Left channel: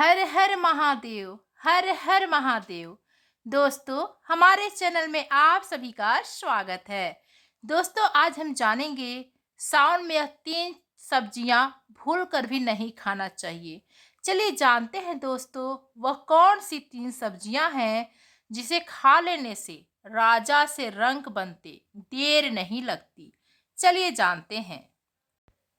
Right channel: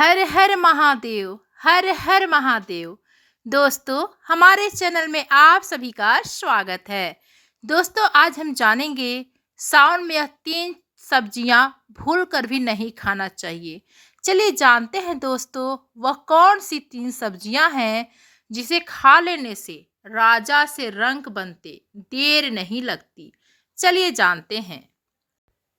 हर हर महादेव। हर हर महादेव। दोस्तों, हमारे चैनल में आप सभी का स्वागत है। दोस्तों, आज हम जानेंगे सावन में यह 3 सब्जियां भूल कर भी नहीं खाना चाहिए। चलिए जानते हैं दोस्तों, वह कौन सी 3 सब्जियां हैं जिसे खा लेने से राजा से रंक बनते देर नहीं लगती। चलिए जानते हैं।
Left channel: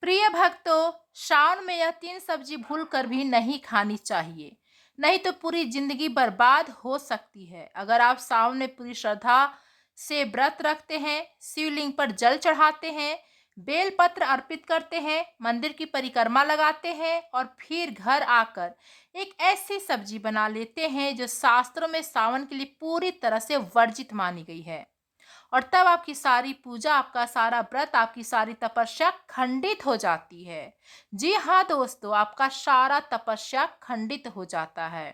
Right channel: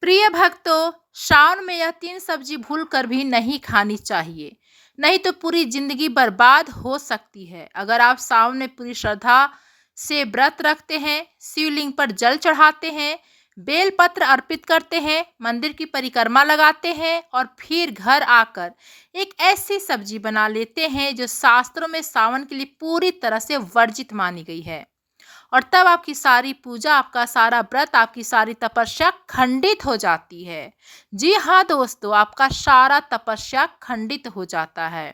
प्रिय भक्तों, सावन में यह 3 सब्जी भूल कर भी नहीं खानी चाहिए, नहीं तो पूरी जिंदगी बर्बाद हो सकती है। अगर आप सावन में पूरी श्रद्धा से व्रत रखते हैं, शिवलिंग पर जल चढ़ाते हैं, बेलपत्र अर्पित करते हैं, मंदिर की परिक्रमा लगाते हैं और फिर घर आकर एक ऐसी सब्जी बना लेते हैं जो शास्त्रों में सावन के लिए पूरी तरह से वर्जित मानी गई है, और तब आपकी सारी पूजा, आपका सारा व्रत, आपकी सारी तपस्या खंडित हो जाती है। जी हाँ दोस्तों, आपका सारा तपस्या खंडित हो जाता है।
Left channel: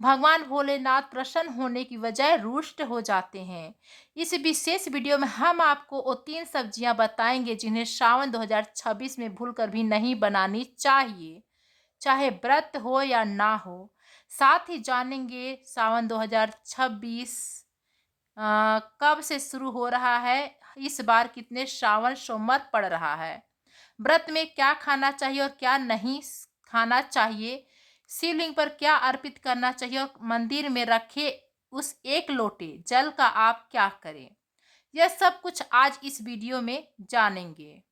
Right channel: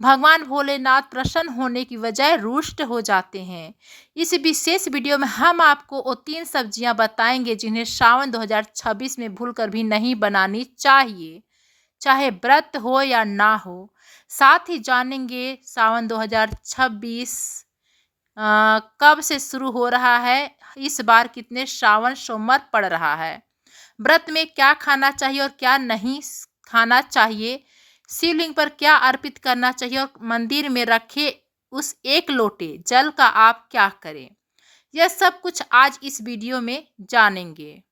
भगवान भोलेनाथ प्रसन्न होने की बजाय रुष्ट हो जाते हैं। इस विशेष वीडियो में हम आपको वो 3 सब्जियां बताएंगे जिन्हें सावन 2026 में भूलकर भी नहीं बनानी चाहिए, चाहे व्रत हो या ना हो। साथ ही जानेंगे सावन 2026 कब से शुरू हो रहा है, इस बार कितने श्रावण सोमवार पड़ रहा है, व्रत में क्या खाना चाहिए और क्या नहीं खाना चाहिए, शिवलिंग पर क्या अर्पित करना चाहिए और मंदिर में रखे उस 1 लोटे जल का आप क्या करें। यह सब कुछ आज इस वीडियो में जानेंगे,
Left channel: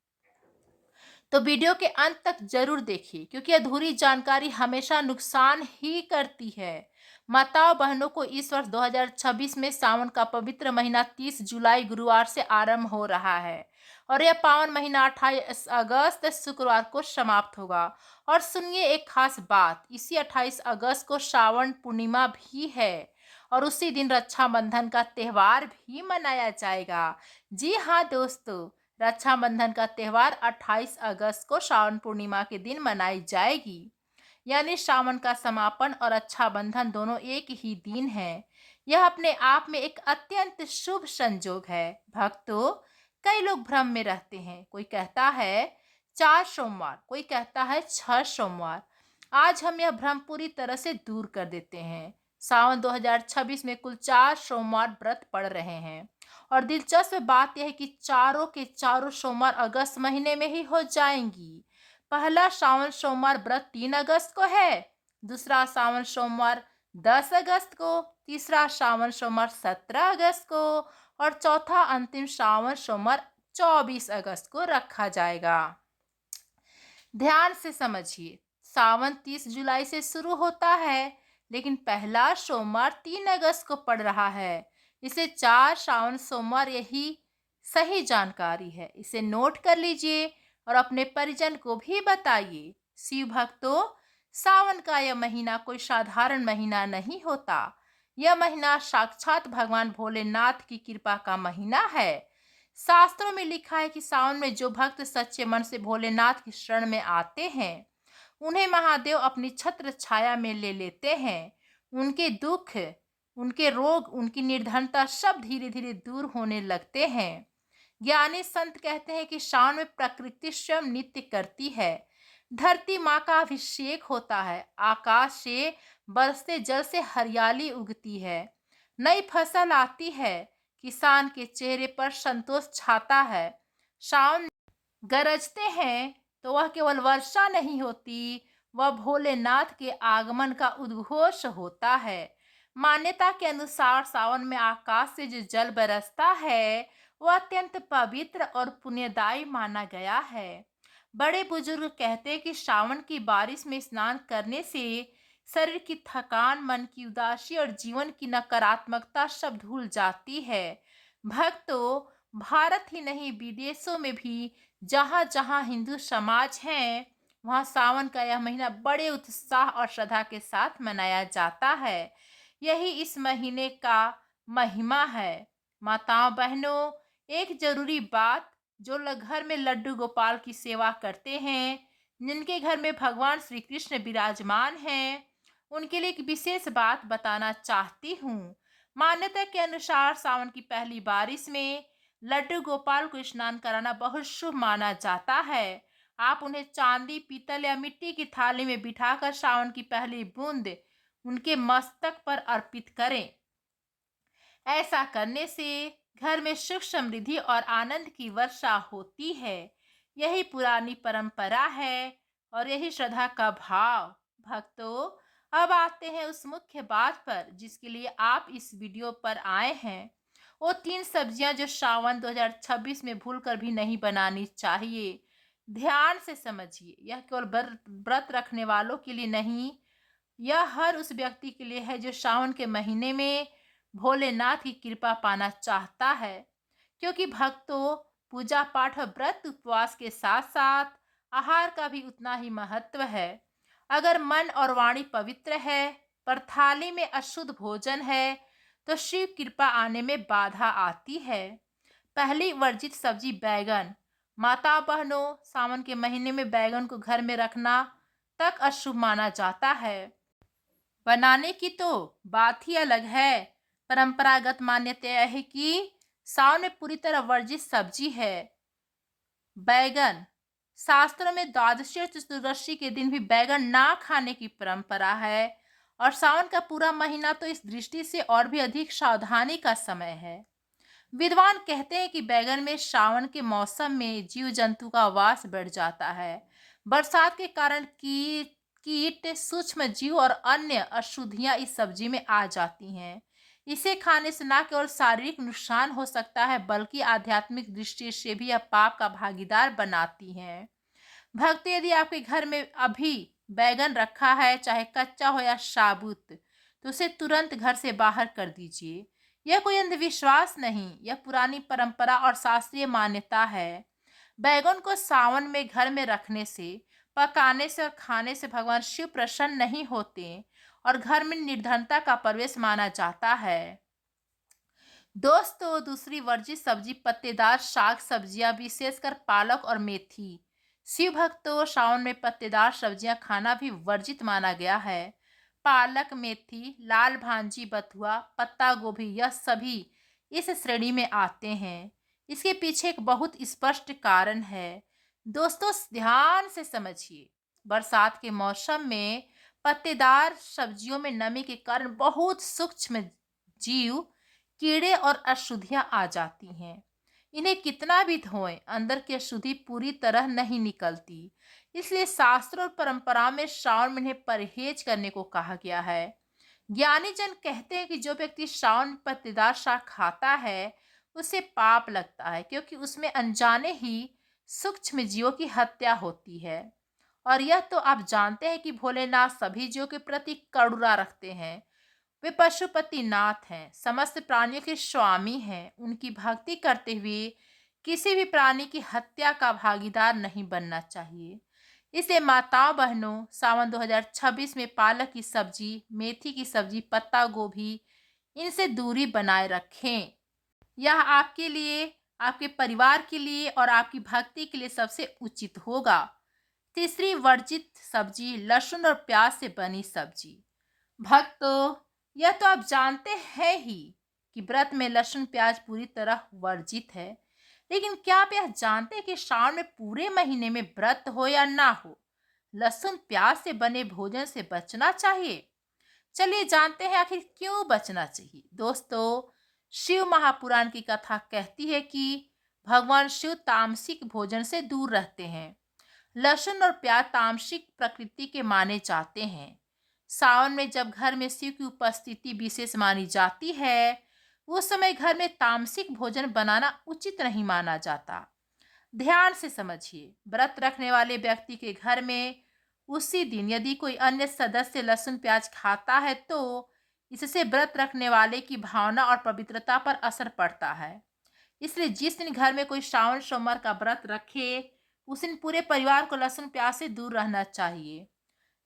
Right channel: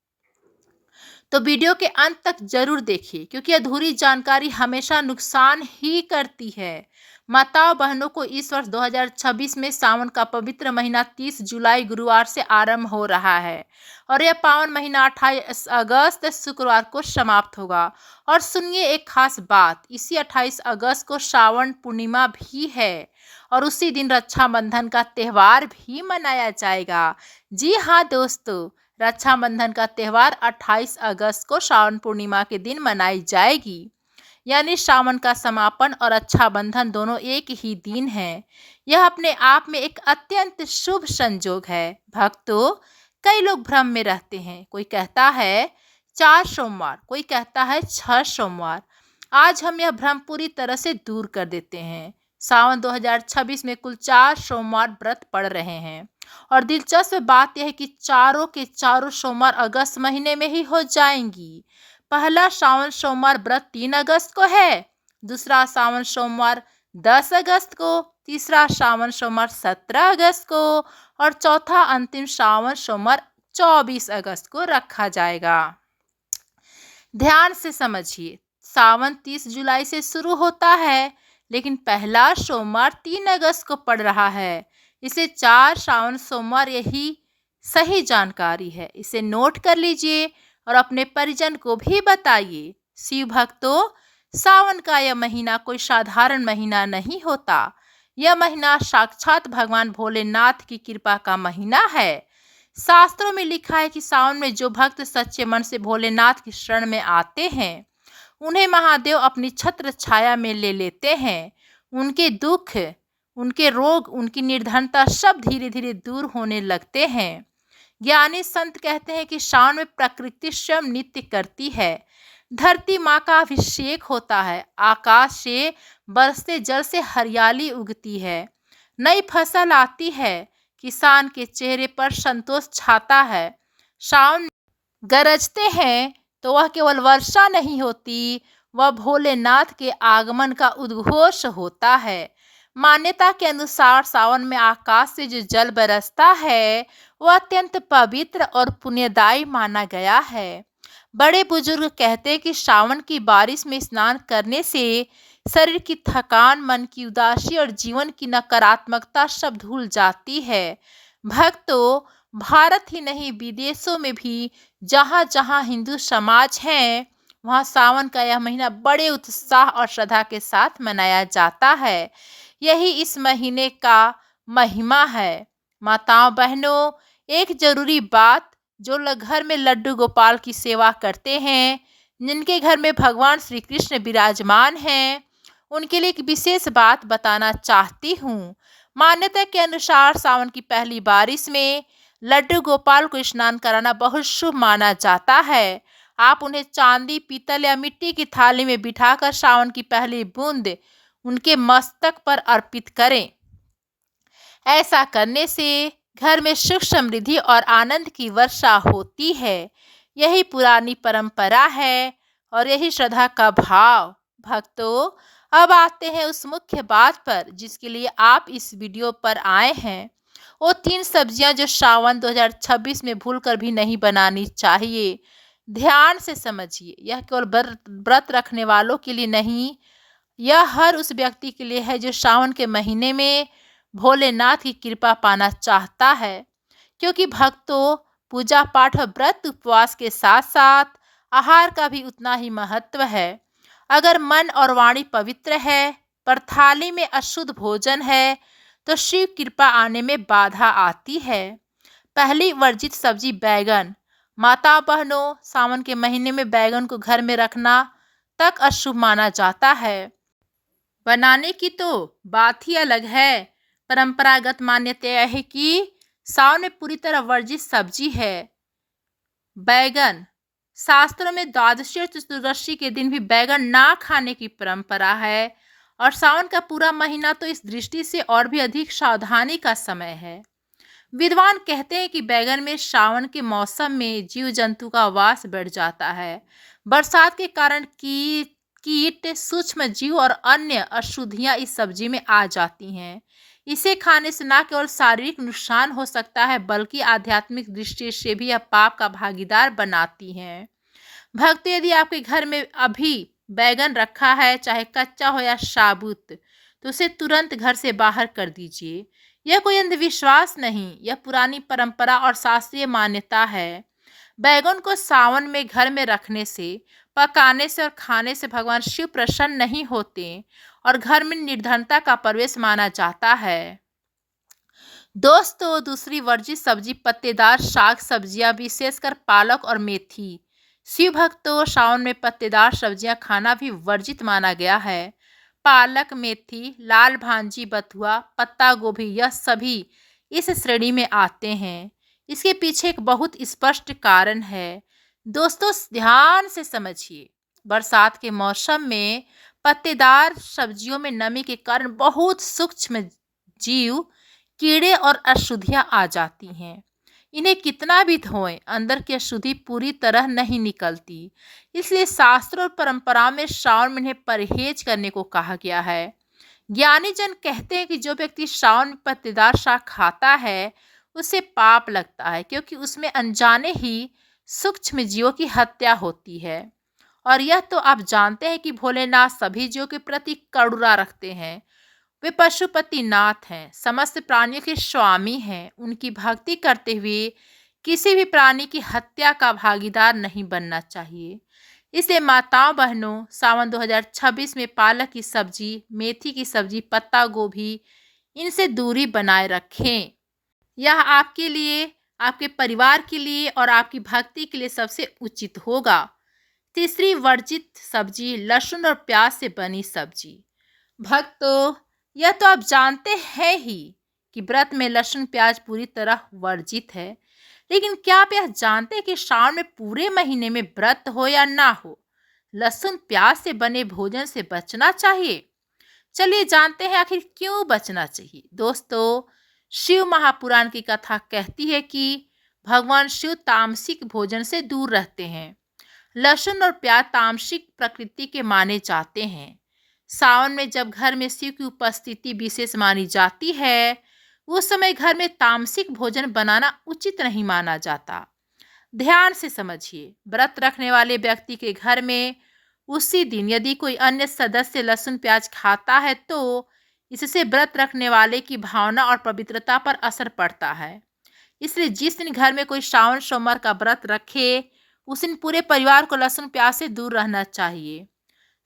तो वीडियो के अंत तक जरूर देखिए, क्योंकि अधूरी जानकारी हमेशा नुकसान ही करती है। माताओं बहनों को इस वर्ष 2026 में सावन का पवित्र महीना 30 जुलाई गुरुवार से आरंभ हो रहा है और यह पावन महीना 28 अगस्त शुक्रवार को समाप्त होगा। और सुनिए एक खास बात, इसी 28 अगस्त को श्रावण पूर्णिमा भी है और उसी दिन रक्षाबंधन का त्यौहार भी मनाया जाएगा। जी हाँ दोस्तों, रक्षाबंधन का त्यौहार 28 अगस्त को श्रावण पूर्णिमा के दिन मनाई जाएगी, यानी श्रावण का समापन और रक्षाबंधन दोनों एक ही दिन है। यह अपने आप में एक अत्यंत शुभ संयोग है। भक्तों, कई लोग भ्रम में रहते हैं। कोई कहता है 4 सोमवार, कोई कहता है 6 सोमवार। आज हम यह भ्रम पूरी तरह से दूर कर देते हैं। सावन 2026 में कुल 4 सोमवार व्रत पड़ रहे हैं और दिलचस्प बात यह है कि चारों के चारों सोमवार अगस्त महीने में ही हो जाएंगी। पहला सावन सोमवार व्रत 3 अगस्त को है, दूसरा सावन सोमवार 10 अगस्त को, तीसरा सावन सोमवार 17 अगस्त को और चौथा अंतिम सावन सोमवार 24 अगस्त को रखा जाएगा। ध्यान से समझिए, सावन 30 जुलाई से शुरू होता है, लेकिन पहला सोमवार 3 अगस्त को पड़ रहा है। इसे 4 सावन सोमवार यही सही जानकारी है। इसे नोट कर लीजिए और अपने परिजन को भी बताइए। शिव भक्तों, सावन का यह महीना कोई साधारण महीना नहीं होता। यह महीना साक्षात भगवान भोलेनाथ की कृपा का महीना है। शास्त्रों में लिखा है कि सावन में जो भक्त सच्चे मन से भोलेनाथ की शरण में आते हैं, उन्हें महादेव अपनी छत्र छाया में ले लेते हैं। उनके दुख, उनके रोग, उनकी निर्धनता सब धीरे धीरे दूर होने लगते हैं। ज्ञानी संत कहते हैं कि सावन में प्रकृति स्वयं नृत्य करती है। धरती माँ का अभिषेक होता है, आकाश से बरसते जल से हरियाली उगती है, नई फसल आती है, किसान के चेहरे पर संतोष छाता है। सावन गरजते हैं तो वह केवल वर्षा नहीं होती, वह भोलेनाथ के आगमन का उद्घोष होता है। मान्यता के अनुसार सावन में आकाश से जो जल बरसता है वह अत्यंत पवित्र और पुण्यदायी माना गया है। बड़े बुजुर्ग कहते हैं कि सावन की बारिश में स्नान करने से शरीर की थकान, मन की उदासी और जीवन की नकारात्मकता सब धुल जाती है। भक्तों, भारत ही नहीं विदेशों में भी जहाँ जहाँ हिंदू समाज हैं, वहाँ सावन का यह महीना बड़े उत्साह और श्रद्धा के साथ मनाया जाता है। यही इस महीने का महिमा है। माताओं बहनों, एक जरूरी बात, जो लोग घर में लड्डू गोपाल की सेवा करते हैं, जिनके घर में भगवान श्री कृष्ण विराजमान हैं, उनके लिए एक विशेष बात बताना चाहती हूँ। मान्यता के अनुसार सावन की पहली बारिश में लड्डू गोपाल को स्नान कराना बहुत शुभ माना जाता है। आप उन्हें चांदी, पीतल या मिट्टी की थाली में बिठाकर सावन की पहली बूंद उनके मस्तक पर अर्पित करें। ऐसा करने से घर में सुख, समृद्धि और आनंद की वर्षा होती है। यही पुरानी परंपरा है और यही श्रद्धा का भाव। भक्तों, अब आते हैं उस मुख्य बात पर जिसके लिए आप इस वीडियो पर आए हैं। वो 3 सब्जियां जो सावन 2026 में भूलकर भी नहीं बनानी चाहिए। ध्यान से समझिए, यह केवल व्रत रखने वालों के लिए नहीं, यह हर उस व्यक्ति के लिए है जो सावन के महीने में भोलेनाथ की कृपा पाना चाहता है। क्योंकि भक्तों, पूजा पाठ और व्रत उपवास के साथ साथ आहार का भी उतना ही महत्व है। अगर मन और वाणी पवित्र है पर थाली में अशुद्ध भोजन है तो शिव कृपा आने में बाधा आती है। पहली वर्जित सब्जी बैगन। माता बहनों, सावन के महीने में बैगन को घर में रखना तक अशुभ माना जाता है। बनाने की तो बात ही अलग है। परंपरागत मान्यता यह है कि सावन में पूरी तरह वर्जित सब्जी है बैगन। शास्त्रों में द्वादशी और चतुर्दशी के दिन भी बैगन ना खाने की परंपरा है और सावन का पूरा महीना तो इस दृष्टि से और भी अधिक सावधानी का समय है। विद्वान कहते हैं कि बैगन में सावन के मौसम में जीव जंतु का वास बढ़ जाता है। बरसात के कारण कीट, सूक्ष्म जीव और अन्य अशुद्धियां इस सब्जी में आ जाती हैं। इसे खाने से न केवल शारीरिक नुकसान हो सकता है बल्कि आध्यात्मिक दृष्टि से भी यह पाप का भागीदार बनाती हैं। भक्तों, यदि आपके घर में अभी बैगन रखा है, चाहे कच्चा हो या साबुत, तो उसे तुरंत घर से बाहर कर दीजिए। यह कोई अंधविश्वास नहीं, यह पुरानी परंपरा और शास्त्रीय मान्यता है। बैगन को सावन में घर में रखने से, पकाने से और खाने से भगवान शिव प्रसन्न नहीं होते और घर में निर्धनता का प्रवेश माना जाता है। दोस्तों, दूसरी वर्जित सब्जी पत्तेदार शाक सब्जियां, विशेषकर पालक और मेथी। शिव भक्तों, सावन में पत्तेदार सब्जियां खाना भी वर्जित माना गया है। पालक, मेथी, लाल भांजी, बथुआ, पत्ता गोभी, यह सभी इस श्रेणी में आते हैं। इसके पीछे एक बहुत स्पष्ट कारण है। दोस्तों, ध्यान से समझिए। बरसात के मौसम में पत्तेदार सब्जियों में नमी के कारण बहुत सूक्ष्म जीव, कीड़े और अशुद्धियां आ जाती हैं। इन्हें कितना भी धोएं, अंदर की अशुद्धि पूरी तरह नहीं निकलती। इसलिए शास्त्र और परंपरा में श्रावण में इन्हें परहेज करने को कहा गया है। ज्ञानी जन कहते हैं कि जो व्यक्ति श्रावण में पत्तेदार शाक खाता है उसे पाप लगता है, क्योंकि उसमें अनजाने ही सूक्ष्म जीवों की हत्या होती है। और यह तो आप जानते हैं कि भोलेनाथ सभी जीवों के प्रति करुणा रखते हैं। वे पशुपति नाथ हैं, समस्त प्राणियों के स्वामी हैं। उनकी भक्ति करते हुए किसी भी प्राणी की हत्या का भागीदार नहीं बनना चाहिए। इसलिए माताओं बहनों, सावन 2026 में पालक की सब्जी, मेथी की सब्जी, पत्ता गोभी, इनसे दूरी बनाए रखें। यह आपके लिए, आपके परिवार के लिए और आपकी भक्ति के लिए सबसे उचित होगा। तीसरी वर्जित सब्जी लहसुन और प्याज से बनी सब्जी। भक्तों, यह तो आप जानते हैं ही कि व्रत में लहसुन प्याज पूरी तरह वर्जित है। लेकिन क्या आप यह जानते हैं कि सावन में पूरे महीने में व्रत हो या ना हो, लहसुन प्याज से बने भोजन से बचना चाहिए। चलिए जानते हैं आखिर क्यों बचना चाहिए। दोस्तों, शिव महापुराण की कथा कहती है कि भगवान शिव तामसिक भोजन से दूर रहते हैं। लहसुन और प्याज तामसिक प्रकृति के माने जाते हैं। सावन में जब घर में शिव की उपस्थिति विशेष मानी जाती है, उस समय घर में तामसिक भोजन बनाना उचित नहीं माना जाता। ध्यान से समझिए, व्रत रखने वाले व्यक्ति के घर में उसी दिन यदि कोई अन्य सदस्य लहसुन प्याज खाता है तो इससे व्रत रखने वाले की भावना और पवित्रता पर असर पड़ता है। इसलिए जिस दिन घर में कोई श्रावण सोमवार का व्रत रखे, उस दिन पूरे परिवार को लहसुन प्याज से दूर रहना चाहिए।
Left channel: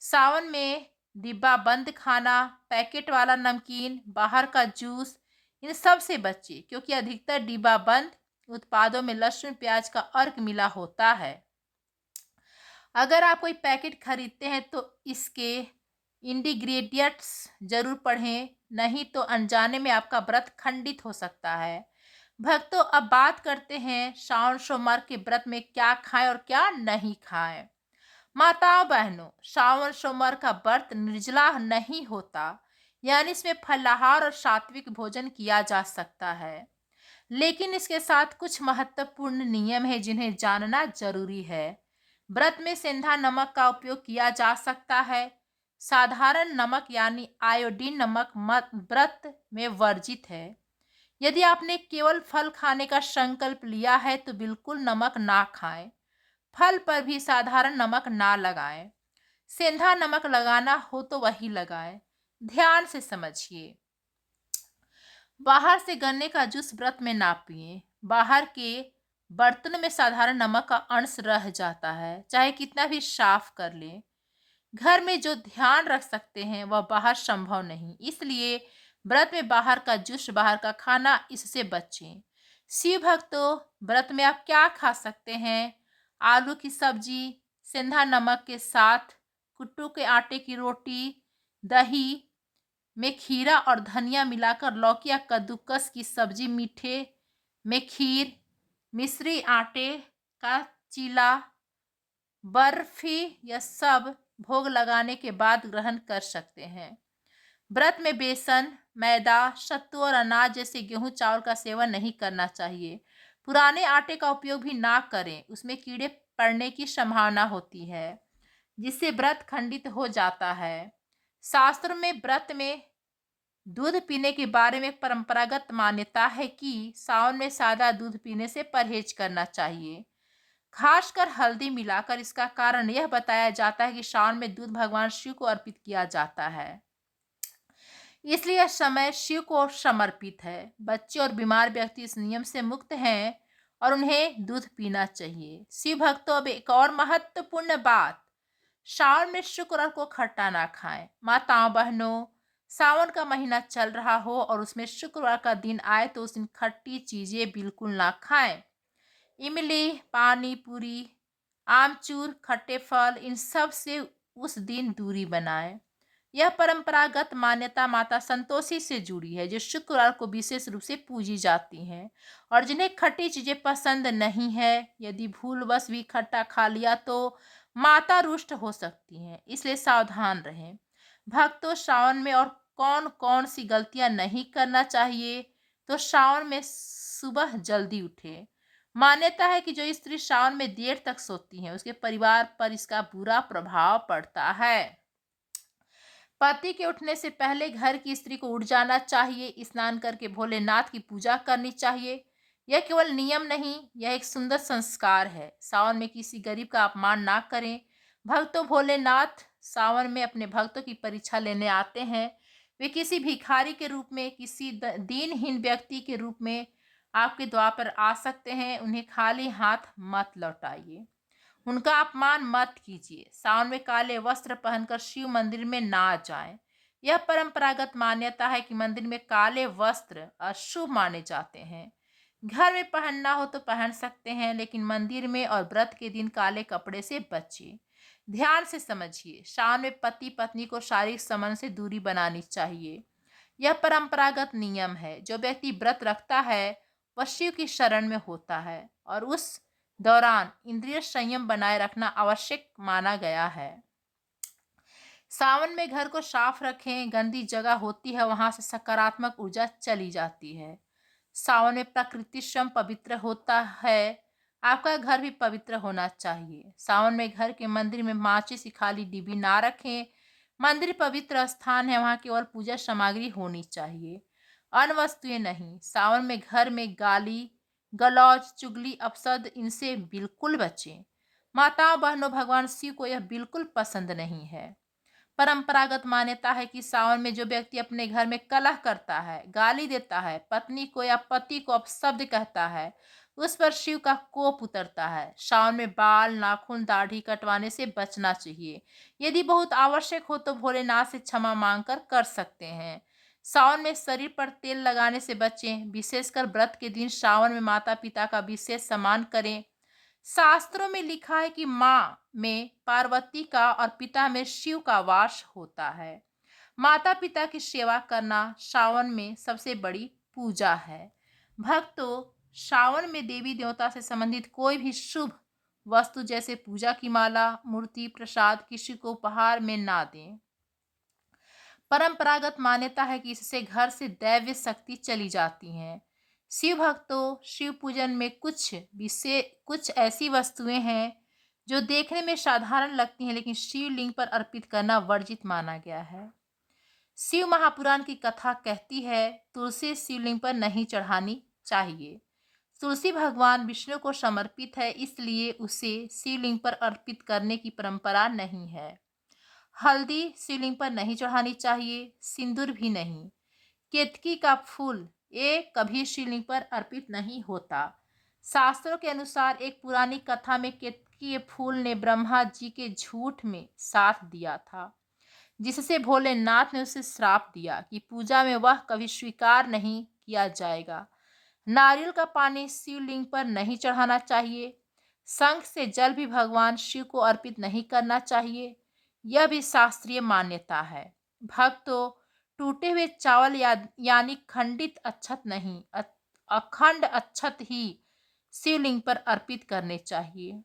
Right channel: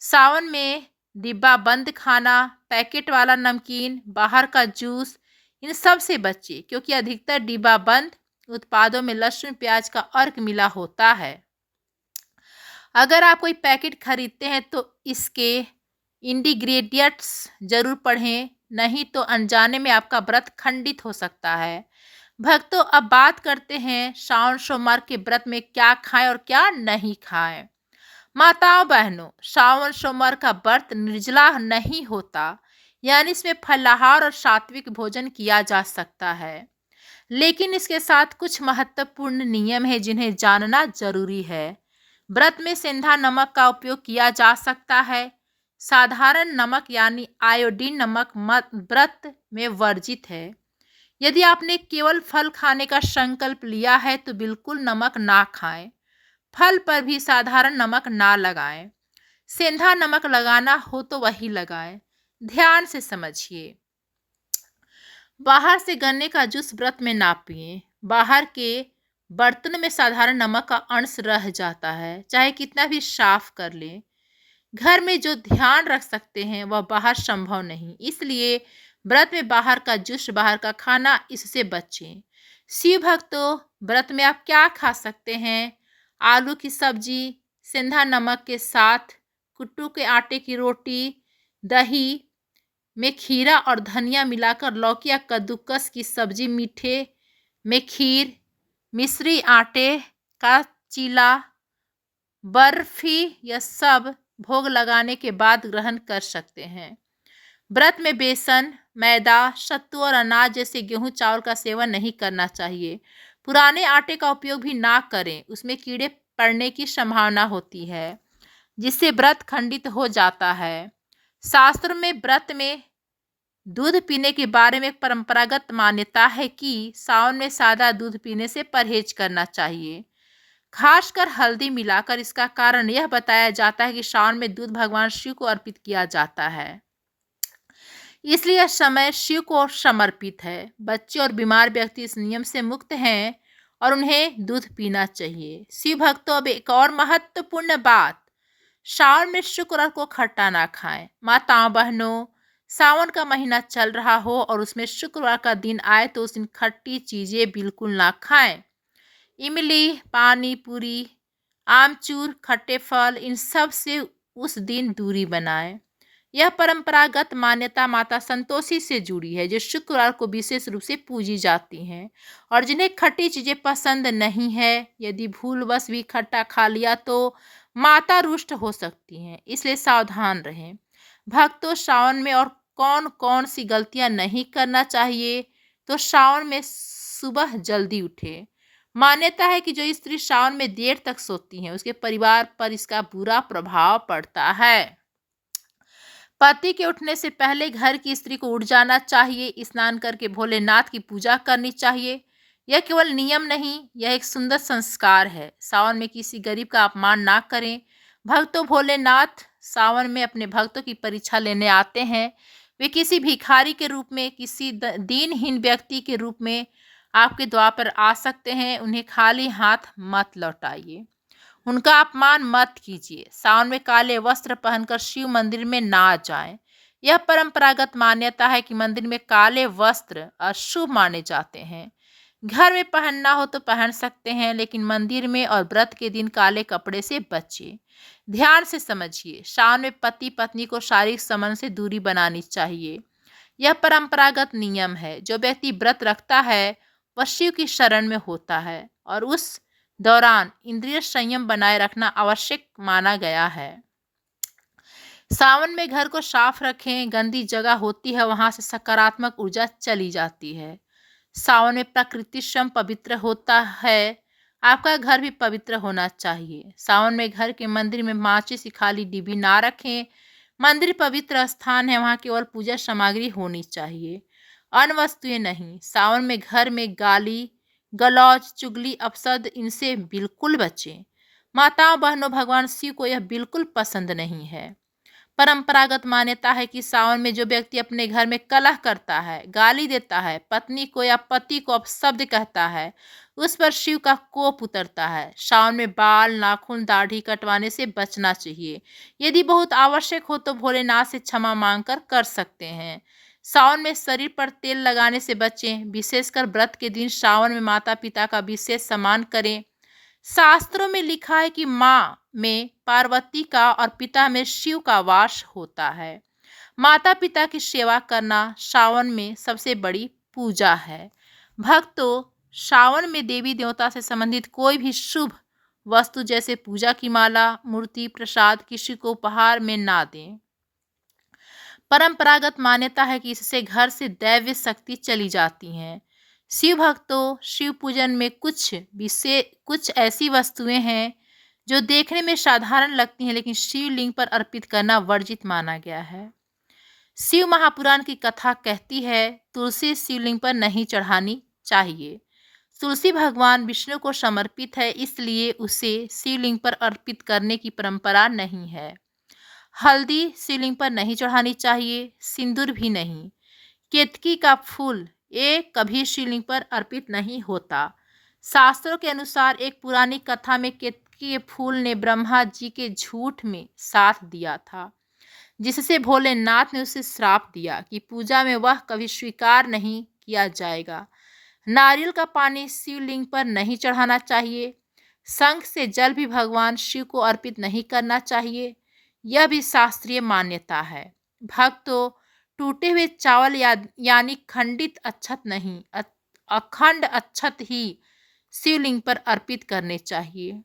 सावन में डिब्बा बंद खाना, पैकेट वाला नमकीन, बाहर का जूस, इन सब से बचिए, क्योंकि अधिकतर डिब्बा बंद उत्पादों में लहसुन प्याज का अर्क मिला होता है। अगर आप कोई पैकेट खरीदते हैं तो इसके इंग्रेडिएंट्स जरूर पढ़ें, नहीं तो अनजाने में आपका व्रत खंडित हो सकता है। भक्तों, अब बात करते हैं श्रावण सोमवार के व्रत में क्या खाएं और क्या नहीं खाएं। माताओं बहनों, श्रावण सोमवार का व्रत निर्जला नहीं होता, यानी इसमें फलाहार और सात्विक भोजन किया जा सकता है, लेकिन इसके साथ कुछ महत्वपूर्ण नियम है जिन्हें जानना जरूरी है। व्रत में सेंधा नमक का उपयोग किया जा सकता है। साधारण नमक यानी आयोडीन नमक मत व्रत में वर्जित है। यदि आपने केवल फल खाने का संकल्प लिया है तो बिल्कुल नमक ना खाएं। फल पर भी साधारण नमक ना लगाएं। सेंधा नमक लगाना हो तो वही लगाएं। ध्यान से समझिए। बाहर से गन्ने का जूस व्रत में ना पिएं। बाहर के बर्तन में साधारण नमक का अंश रह जाता है, चाहे कितना भी साफ कर लें। घर में जो ध्यान रख सकते हैं वह बाहर संभव नहीं, इसलिए व्रत में बाहर का जूस, बाहर का खाना, इससे बचें। शिव भक्तों, व्रत में आप क्या खा सकते हैं? आलू की सब्जी सेंधा नमक के साथ, कुट्टू के आटे की रोटी, दही में खीरा और धनिया मिलाकर लौकी या कद्दूकस की सब्जी, मीठे में खीर, मिश्री आटे का चीला, बर्फी, यह सब भोग लगाने के बाद ग्रहण कर सकते हैं। व्रत में बेसन, मैदा, सत्तू और अनाज जैसे गेहूं चावल का सेवन नहीं करना चाहिए। पुराने आटे का उपयोग भी ना करें, उसमें कीड़े पड़ने की संभावना होती है, जिससे व्रत खंडित हो जाता है। शास्त्र में व्रत में दूध पीने के बारे में एक परंपरागत मान्यता है कि सावन में सादा दूध पीने से परहेज करना चाहिए, खासकर हल्दी मिलाकर। इसका कारण यह बताया जाता है कि सावन में दूध भगवान शिव को अर्पित किया जाता है, इसलिए यह समय शिव को समर्पित है। बच्चे और बीमार व्यक्ति इस नियम से मुक्त हैं और उन्हें दूध पीना चाहिए। शिव भक्तों, अब एक और महत्वपूर्ण बात, सावन में शुक्रवार को खट्टा ना खाएं। माताओं बहनों, सावन का महीना चल रहा हो और उसमें शुक्रवार का दिन आए तो उस दिन खट्टी चीजें बिल्कुल ना खाएं। इमली, पानी पूरी, आमचूर, खट्टे फल, इन सब से उस दिन दूरी बनाएं। यह परंपरागत मान्यता माता संतोषी से जुड़ी है, जो शुक्रवार को विशेष रूप से पूजी जाती हैं और जिन्हें खट्टी चीजें पसंद नहीं है। यदि भूलवश भी खट्टा खा लिया तो माता रुष्ट हो सकती हैं, इसलिए सावधान रहें। भक्तों, सावन में और कौन कौन सी गलतियां नहीं करना चाहिए? तो सावन में सुबह जल्दी उठे। मान्यता है कि जो स्त्री सावन में देर तक सोती है उसके परिवार पर इसका बुरा प्रभाव पड़ता है। पति के उठने से पहले घर की स्त्री को उठ जाना चाहिए, स्नान करके भोलेनाथ की पूजा करनी चाहिए। यह केवल नियम नहीं, यह एक सुंदर संस्कार है। सावन में किसी गरीब का अपमान ना करें। भक्तों, भोलेनाथ सावन में अपने भक्तों की परीक्षा लेने आते हैं। वे किसी भिखारी के रूप में, किसी दीनहीन व्यक्ति के रूप में आपके द्वार पर आ सकते हैं। उन्हें खाली हाथ मत लौटाइए, उनका अपमान मत कीजिए। सावन में काले वस्त्र पहनकर शिव मंदिर में ना जाएं। यह परंपरागत मान्यता है कि मंदिर में काले वस्त्र अशुभ माने जाते हैं। घर में पहनना हो तो पहन सकते हैं, लेकिन मंदिर में और व्रत के दिन काले कपड़े से बचिए। ध्यान से समझिए। सावन में पति पत्नी को शारीरिक संबंध से दूरी बनानी चाहिए। यह परंपरागत नियम है। जो व्यक्ति व्रत रखता है वह शिव की शरण में होता है और उस दौरान इंद्रिय संयम बनाए रखना आवश्यक माना गया है। सावन में घर को साफ रखें। गंदी जगह होती है, वहां से सकारात्मक ऊर्जा चली जाती है। सावन में प्रकृति स्वयं पवित्र होता है। आपका घर भी पवित्र होना चाहिए। सावन में घर के मंदिर में माचिस की खाली डिब्बी ना रखें। मंदिर पवित्र स्थान है, वहां केवल पूजा सामग्री होनी चाहिए, अन्य वस्तुएं नहीं। सावन में घर में गाली गलौज, चुगली, अपशब्द, इनसे बिल्कुल बचें। माताओं बहनों, भगवान शिव को यह बिल्कुल पसंद नहीं है। परंपरागत मान्यता है कि सावन में जो व्यक्ति अपने घर में कलह करता है, गाली देता है, पत्नी को या पति को अपशब्द कहता है, उस पर शिव का कोप उतरता है। सावन में बाल, नाखून, दाढ़ी कटवाने से बचना चाहिए। यदि बहुत आवश्यक हो तो भोलेनाथ से क्षमा मांगकर कर सकते हैं। सावन में शरीर पर तेल लगाने से बचें। विशेषकर व्रत के दिन सावन में माता पिता का विशेष सम्मान करें। शास्त्रों में लिखा है कि माँ में पार्वती का और पिता में शिव का वास होता है। माता पिता की सेवा करना सावन में सबसे बड़ी पूजा है। भक्तों, श्रावण में देवी देवता से संबंधित कोई भी शुभ वस्तु जैसे पूजा की माला, मूर्ति, प्रसाद किसी को उपहार में ना दें। परंपरागत मान्यता है कि इससे घर से दैवीय शक्ति चली जाती हैं। शिव भक्तों, शिव पूजन में कुछ ऐसी वस्तुएं हैं जो देखने में साधारण लगती हैं, लेकिन शिवलिंग पर अर्पित करना वर्जित माना गया है। शिव महापुराण की कथा कहती है, तुलसी शिवलिंग पर नहीं चढ़ानी चाहिए। तुलसी भगवान विष्णु को समर्पित है, इसलिए उसे शिवलिंग पर अर्पित करने की परंपरा नहीं है। हल्दी शिवलिंग पर नहीं चढ़ानी चाहिए, सिंदूर भी नहीं। केतकी का फूल ये कभी शिवलिंग पर अर्पित नहीं होता। शास्त्रों के अनुसार एक पुरानी कथा में केतकी के फूल ने ब्रह्मा जी के झूठ में साथ दिया था, जिससे भोलेनाथ ने उसे श्राप दिया कि पूजा में वह कभी स्वीकार नहीं किया जाएगा। नारियल का पानी शिवलिंग पर नहीं चढ़ाना चाहिए। शंख से जल भी भगवान शिव को अर्पित नहीं करना चाहिए, यह भी शास्त्रीय मान्यता है। भक्तों, टूटे हुए चावल यानी खंडित अक्षत नहीं, अखंड अक्षत ही शिवलिंग पर अर्पित करने चाहिए।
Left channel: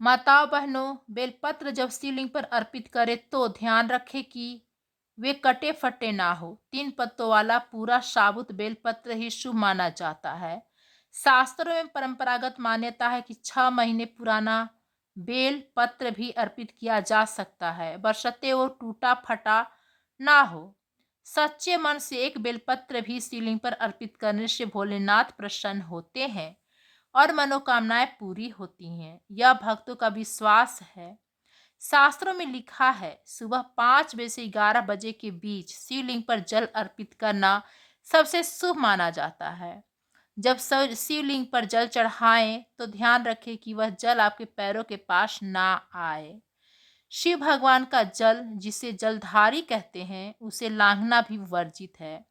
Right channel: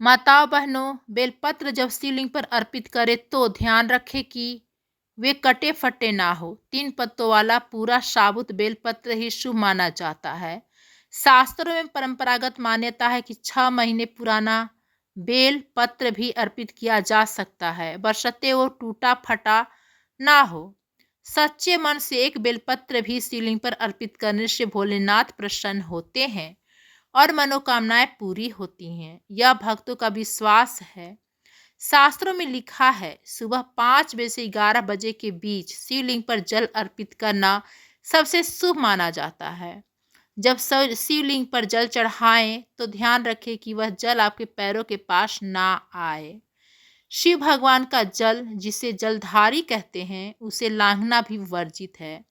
माताओं बहनों, बेलपत्र जब शिवलिंग पर अर्पित करें तो ध्यान रखें कि वे कटे फटे ना हो। 3 पत्तों वाला पूरा साबुत बेलपत्र ही शुभ माना जाता है। शास्त्रों में परंपरागत मान्यता है कि 6 महीने पुराना बेल पत्र भी अर्पित किया जा सकता है, बशर्ते वो टूटा फटा ना हो। सच्चे मन से एक बेलपत्र भी शिवलिंग पर अर्पित करने से भोलेनाथ प्रसन्न होते हैं और मनोकामनाएं पूरी होती हैं, यह भक्तों का विश्वास है। शास्त्रों में लिखा है, सुबह 5 बजे से 11 बजे के बीच शिवलिंग पर जल अर्पित करना सबसे शुभ माना जाता है। जब शिवलिंग पर जल चढ़ाएं तो ध्यान रखें कि वह जल आपके पैरों के पास ना आए। शिव भगवान का जल, जिसे जलधारी कहते हैं, उसे लांघना भी वर्जित है।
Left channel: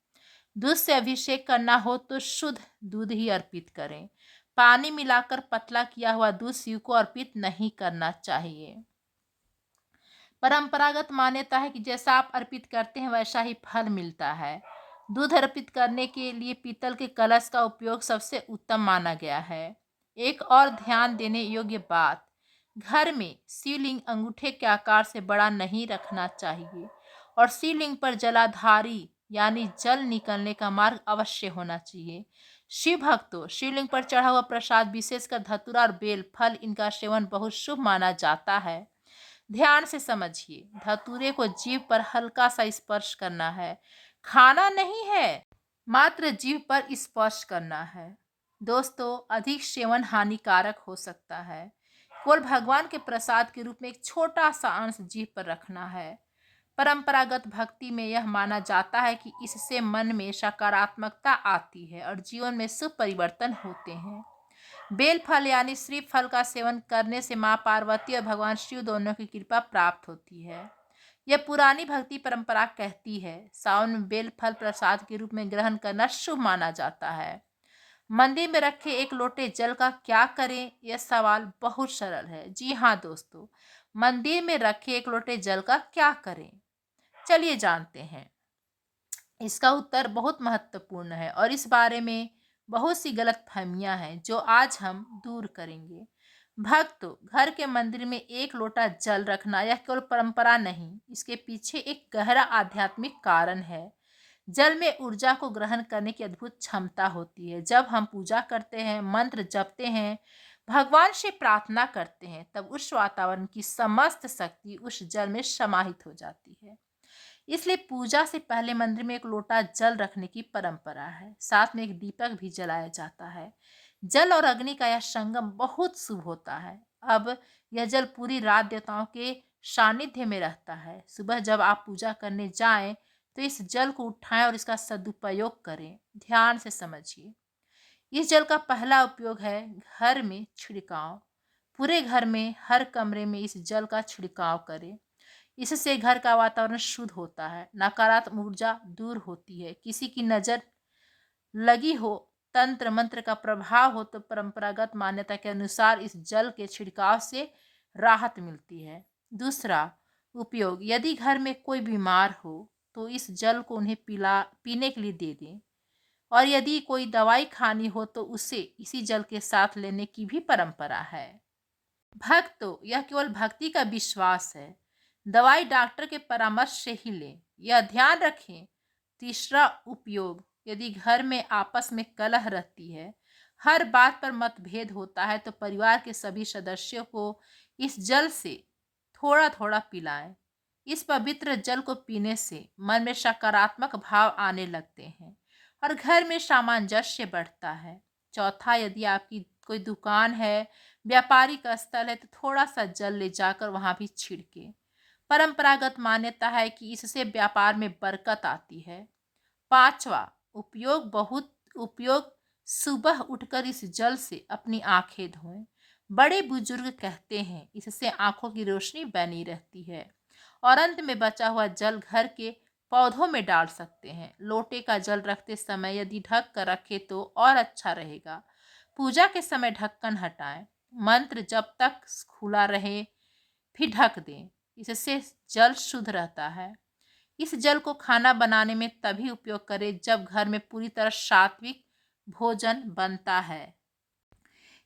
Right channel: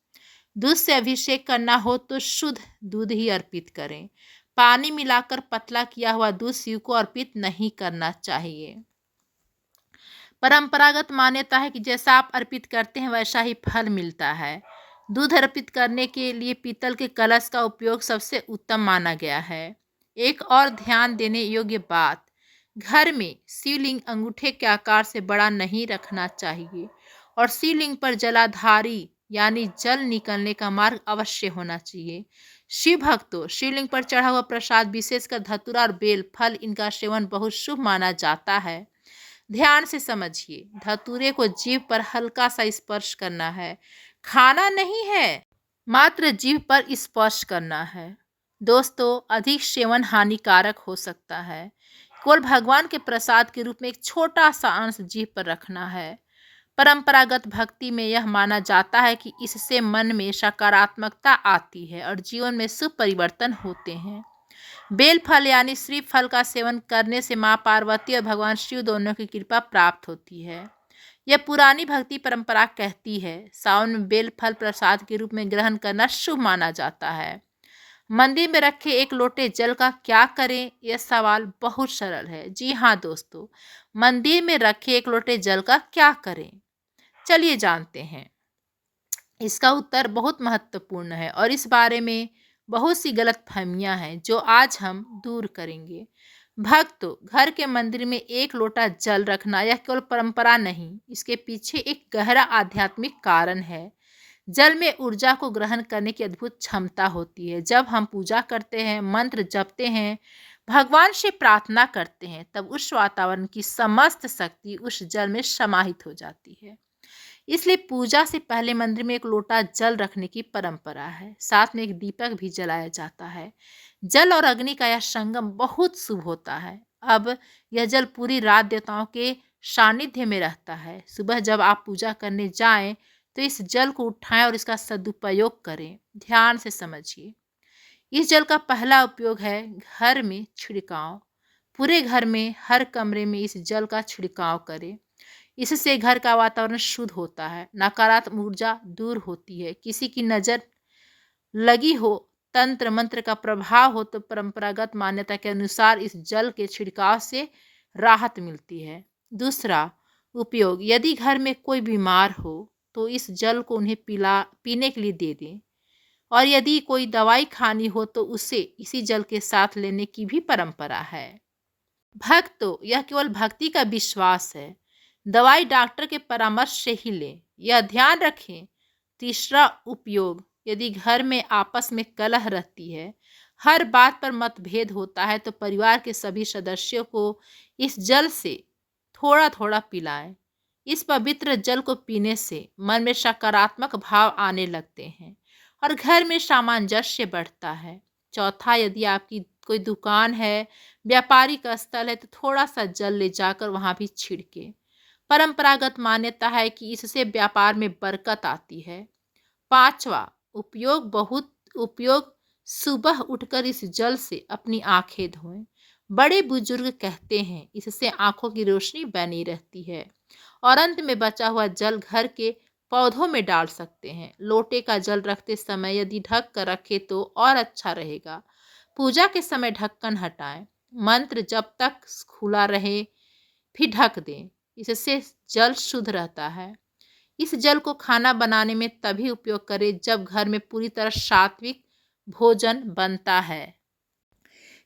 दूध से अभिषेक करना हो तो शुद्ध दूध ही अर्पित करें। पानी मिलाकर पतला किया हुआ दूध शिव को अर्पित नहीं करना चाहिए। परंपरागत मान्यता है कि जैसा आप अर्पित करते हैं वैसा ही फल मिलता है। दूध अर्पित करने के लिए पीतल के कलश का उपयोग सबसे उत्तम माना गया है। एक और ध्यान देने योग्य बात, घर में शिवलिंग अंगूठे के आकार से बड़ा नहीं रखना चाहिए और शिवलिंग पर जलाधारी यानी जल निकलने का मार्ग अवश्य होना चाहिए। शिव भक्तों, शिवलिंग पर चढ़ा हुआ प्रसाद, विशेषकर धतूरा और बेल फल, इनका सेवन बहुत शुभ माना जाता है। ध्यान से समझिए, धतूरे को जीभ पर हल्का सा स्पर्श करना है, खाना नहीं है, मात्र जीभ पर स्पर्श करना है। दोस्तों, अधिक सेवन हानिकारक हो सकता है। केवल भगवान के प्रसाद के रूप में एक छोटा सा अंश जीभ पर रखना है। परंपरागत भक्ति में यह माना जाता है कि इससे मन में सकारात्मकता आती है और जीवन में शुभ परिवर्तन होते हैं। बेल फल यानी श्रीफल का सेवन करने से माँ पार्वती और भगवान शिव दोनों की कृपा प्राप्त होती है। यह पुरानी भक्ति परंपरा कहती है, सावन में बेल फल प्रसाद के रूप में ग्रहण करना शुभ माना जाता है। मंदिर में रखे एक लोटे जल का क्या करें, यह सवाल बहुत सरल है। जी हाँ दोस्तों, मंदिर में रखे एक लोटे जल का क्या करें, चलिए जानते हैं। इसका उत्तर बहुत महत्वपूर्ण है और इस बारे में बहुत सी गलतफहमियां हैं जो आज हम दूर करेंगे। भक्तों, घर के मंदिर में एक लोटा जल रखना यह केवल परंपरा नहीं, इसके पीछे एक गहरा आध्यात्मिक कारण है। जल में ऊर्जा को ग्रहण करने की अद्भुत क्षमता होती है। जब हम पूजा करते हैं, मंत्र जपते हैं, भगवान से प्रार्थना करते हैं, तब उस वातावरण की समस्त शक्ति उस जल में समाहित हो जाती है। इसलिए पूजा से पहले मंदिर में एक लोटा जल रखने की परंपरा है। साथ में एक दीपक भी जलाया जाता है। जल और अग्नि का यह संगम बहुत शुभ होता है। अब यह जल पूरी रात देवताओं के सानिध्य में रहता है। सुबह जब आप पूजा करने जाएं तो इस जल को उठाएं और इसका सदुपयोग करें। ध्यान से समझिए, इस जल का पहला उपयोग है घर में छिड़काव। पूरे घर में हर कमरे में इस जल का छिड़काव करें। इससे घर का वातावरण शुद्ध होता है, नकारात्मक ऊर्जा दूर होती है। किसी की नज़र लगी हो, तंत्र मंत्र का प्रभाव हो तो परंपरागत मान्यता के अनुसार इस जल के छिड़काव से राहत मिलती है। दूसरा उपयोग, यदि घर में कोई बीमार हो तो इस जल को उन्हें पीने के लिए दे दें। और यदि कोई दवाई खानी हो तो उसे इसी जल के साथ लेने की भी परंपरा है। भक्तों, यह केवल भक्ति का विश्वास है। दवाई डॉक्टर के परामर्श से ही लें। यह ध्यान रखें। तीसरा उपयोग, यदि घर में आपस में कलह रहती है, हर बात पर मतभेद होता है, तो परिवार के सभी सदस्यों को इस जल से थोड़ा थोड़ा पिलाएं। इस पवित्र जल को पीने से मन में सकारात्मक भाव आने लगते हैं और घर में सामंजस्य बढ़ता है। चौथा, यदि आपकी कोई दुकान है, व्यापारिक स्थल है, तो थोड़ा सा जल ले जाकर वहां भी छिड़के। परंपरागत मान्यता है कि इससे व्यापार में बरकत आती है। पांचवा उपयोग, सुबह उठकर इस जल से अपनी आंखें धोएं। बड़े बुजुर्ग कहते हैं इससे आंखों की रोशनी बनी रहती है। और अंत में बचा हुआ जल घर के पौधों में डाल सकते हैं। लोटे का जल रखते समय यदि ढक कर रखे तो और अच्छा रहेगा। पूजा के समय ढक्कन हटाएं। मंत्र जब तक खुला रहे फिर ढक दें। इससे जल शुद्ध रहता है। इस जल को खाना बनाने में तभी उपयोग करें जब घर में पूरी तरह सात्विक भोजन बनता है,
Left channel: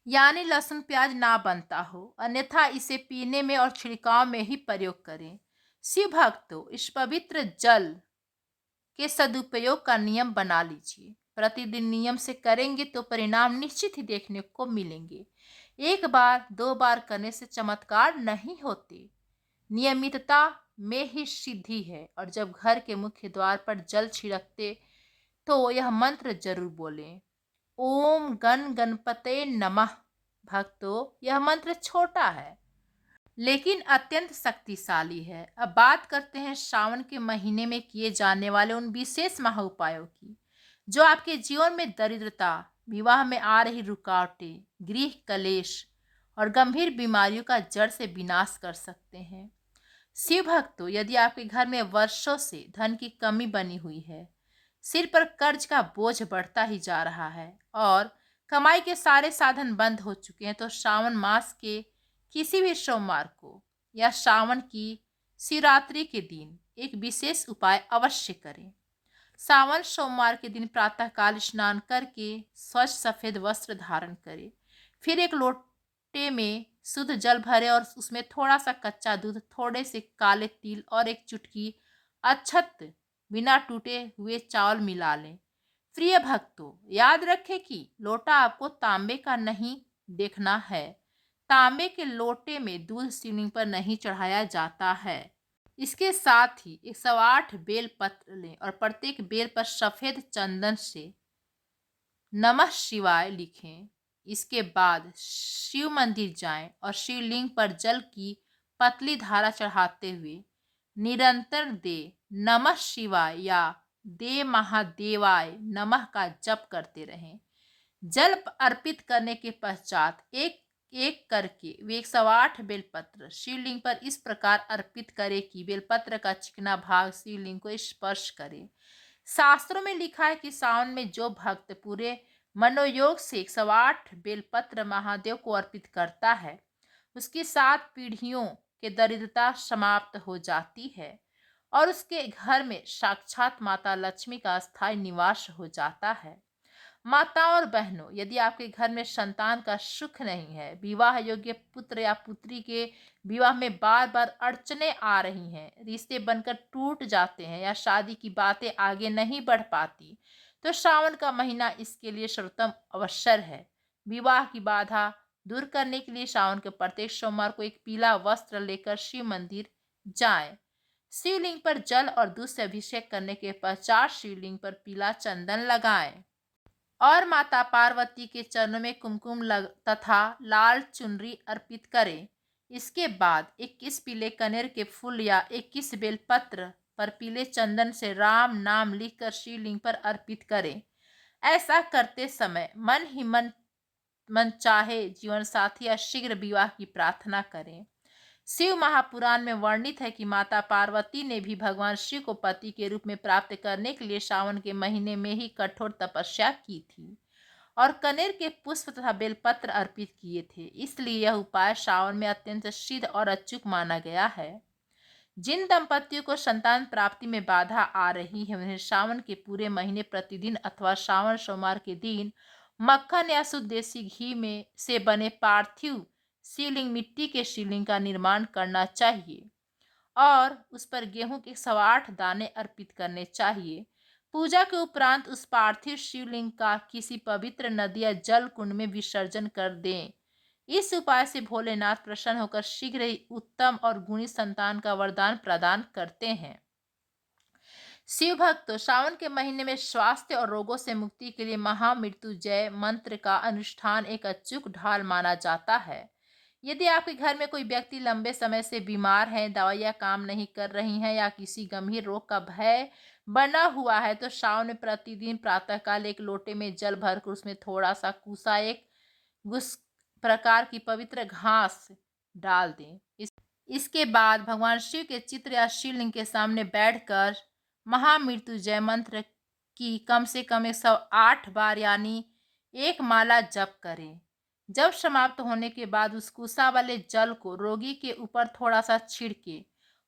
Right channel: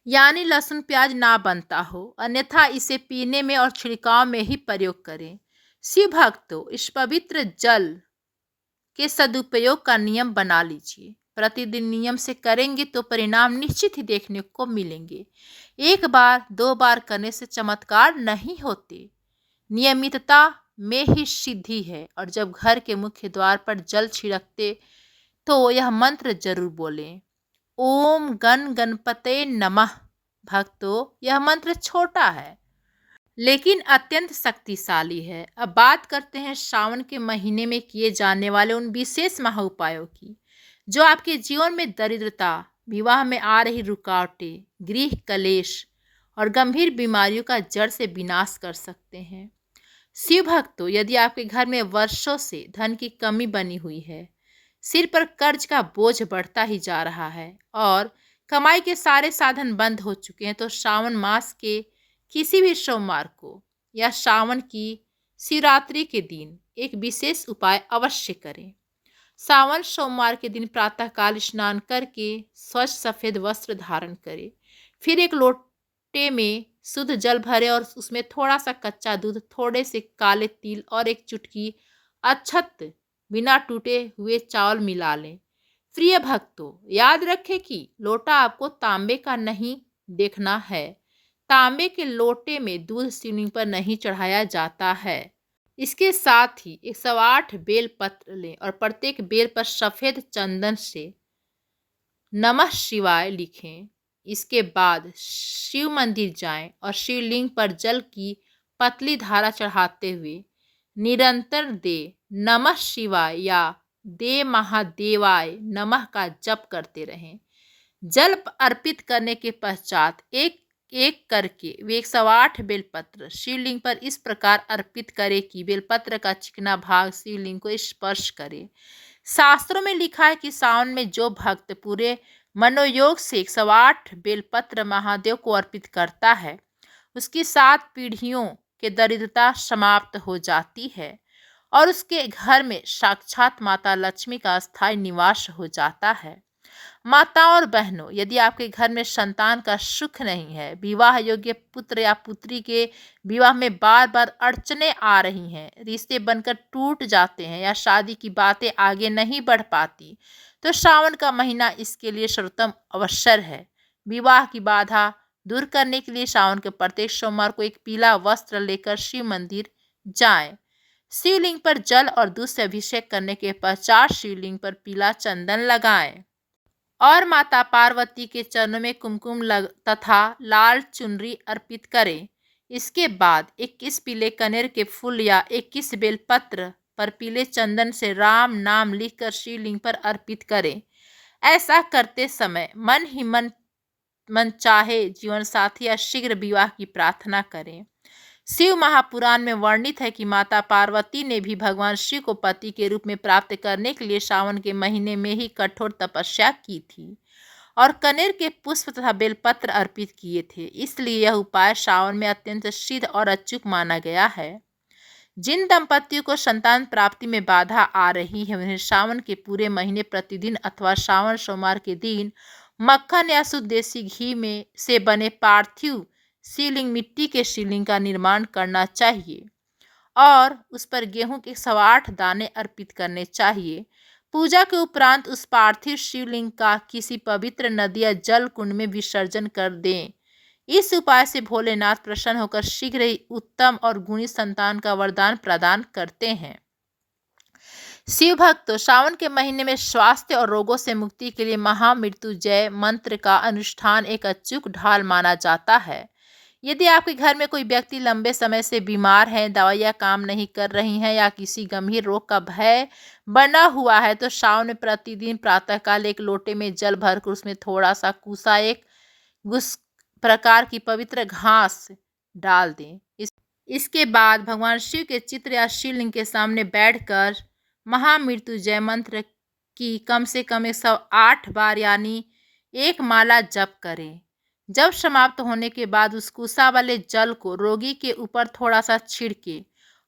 यानी लहसुन प्याज ना बनता हो, अन्यथा इसे पीने में और छिड़काव में ही प्रयोग करें। शिव भक्तों, इस पवित्र जल के सदुपयोग का नियम बना लीजिए। प्रतिदिन नियम से करेंगे तो परिणाम निश्चित ही देखने को मिलेंगे। एक बार दो बार करने से चमत्कार नहीं होते, नियमितता में ही सिद्धि है। और जब घर के मुख्य द्वार पर जल छिड़कते तो यह मंत्र जरूर बोलें, ओम गण गणपते नमः। भक्तों, यह मंत्र छोटा है लेकिन अत्यंत शक्तिशाली है। अब बात करते हैं श्रावण के महीने में किए जाने वाले उन विशेष महा उपायों की, जो आपके जीवन में दरिद्रता, विवाह में आ रही रुकावटें, गृह कलेश और गंभीर बीमारियों का जड़ से विनाश कर सकते हैं। शिव भक्तों, यदि आपके घर में वर्षों से धन की कमी बनी हुई है, सिर पर कर्ज का बोझ बढ़ता ही जा रहा है और कमाई के सारे साधन बंद हो चुके हैं, तो श्रावण मास के किसी भी सोमवार को या श्रावण की शिवरात्रि के दिन एक विशेष उपाय अवश्य करें। सावन सोमवार के दिन प्रातःकाल स्नान करके स्वच्छ सफेद वस्त्र धारण करें। फिर एक लोटे में शुद्ध जल भरें और उसमें थोड़ा सा कच्चा दूध, थोड़े से काले तिल और एक चुटकी अक्षत बिना टूटे हुए चावल मिला लें। प्रिय भक्तों, याद रखें कि लोटा आपको तांबे का नहीं देखना है। तांबे के लोटे में दूध शिवलिंग पर नहीं चढ़ाया जाता है। इसके साथ ही 108 बेल पत्र लें और प्रत्येक बेल पर सफेद चंदन से नमः शिवाय लिखें। इसके बाद शिव मंदिर जाएं और शिवलिंग पर जल की पतली धारा चढ़ाते हुए निरंतर दे नमः शिवाय या दे महादेवाय नमः का जप करते रहें। जल अर्पित करने के पश्चात एक एक करके वे 108 बेलपत्र शिवलिंग पर इस प्रकार अर्पित करें कि बेलपत्र का चिकना भाग शिवलिंग को स्पर्श करे। शास्त्रों में लिखा है कि सावन में जो भक्त पूरे मनोयोग से 108 बेलपत्र महादेव को अर्पित करता है, उसकी 7 पीढ़ियों के दरिद्रता समाप्त हो जाती है और उसके घर में साक्षात माता लक्ष्मी का स्थायी निवास हो जाता है। माताओं और बहनों, यदि आपके घर में संतान का सुख नहीं है, विवाह योग्य पुत्र या पुत्री के विवाह में बार बार अड़चने आ रही हैं, रिश्ते बनकर टूट जाते हैं या शादी की बातें आगे नहीं बढ़ पाती, तो श्रावण का महीना इसके लिए सर्वोत्तम अवसर है। विवाह की बाधा दूर करने के लिए श्रावण के प्रत्येक सोमवार को एक पीला वस्त्र लेकर शिव मंदिर जाएं। शिवलिंग पर जल और दूध से अभिषेक करने के पश्चात शिवलिंग पर पीला चंदन लगाएं और माता पार्वती के चरणों में कुमकुम तथा लाल चुनरी अर्पित करें। इसके बाद 21 पीले कनेर के फूल या 21 बेलपत्र पर पीले चंदन से राम नाम लिखकर शिवलिंग पर अर्पित करें। ऐसा करते समय मन ही मन चाहे जीवन साथी या शीघ्र विवाह की प्रार्थना करें। शिव महापुराण में वर्णित है कि माता पार्वती ने भी भगवान शिव को पति के रूप में प्राप्त करने के लिए सावन के महीने में ही कठोर तपस्या की थी और कनेर के पुष्प तथा बेलपत्र अर्पित किए थे। इसलिए यह उपाय सावन में अत्यंत सिद्ध और अचूक माना गया है। जिन दंपतियों को संतान प्राप्ति में बाधा आ रही है उन्हें सावन के पूरे महीने प्रतिदिन अथवा श्रावण सोमवार के दिन मक्खन या शुद्ध देसी घी में से बने पार्थिव शिवलिंग मिट्टी के शिवलिंग का निर्माण करना चाहिए और उस पर गेहूं के 108 दाने अर्पित करने चाहिए। पूजा के उपरांत उस पार्थिव शिवलिंग का किसी पवित्र नदी या जल कुंड में विसर्जन कर दें। इस उपाय से भोलेनाथ प्रसन्न होकर शीघ्र ही उत्तम और गुणी संतान का वरदान प्रदान करते हैं। शिव भक्तों, सावन के महीने में स्वास्थ्य और रोगों से मुक्ति के लिए महामृत्युंजय मंत्र का अनुष्ठान एक अचूक ढाल माना जाता है। यदि आपके घर में कोई व्यक्ति लंबे समय से बीमार है, दवाइयाँ काम नहीं कर रही हैं या किसी गंभीर रोग का भय बना हुआ है, तो सावन में प्रतिदिन प्रातःकाल एक लोटे में जल भरकर उसमें थोड़ा सा कुसा एक गुस प्रकार की पवित्र घास डाल दें। इसके बाद भगवान शिव के चित्र या शिवलिंग के सामने बैठकर महामृत्युंजय मंत्र की कम से कम 108 बार यानी एक माला जप करें। जब समाप्त होने के बाद उस कुसा वाले जल को रोगी के ऊपर थोड़ा सा छिड़के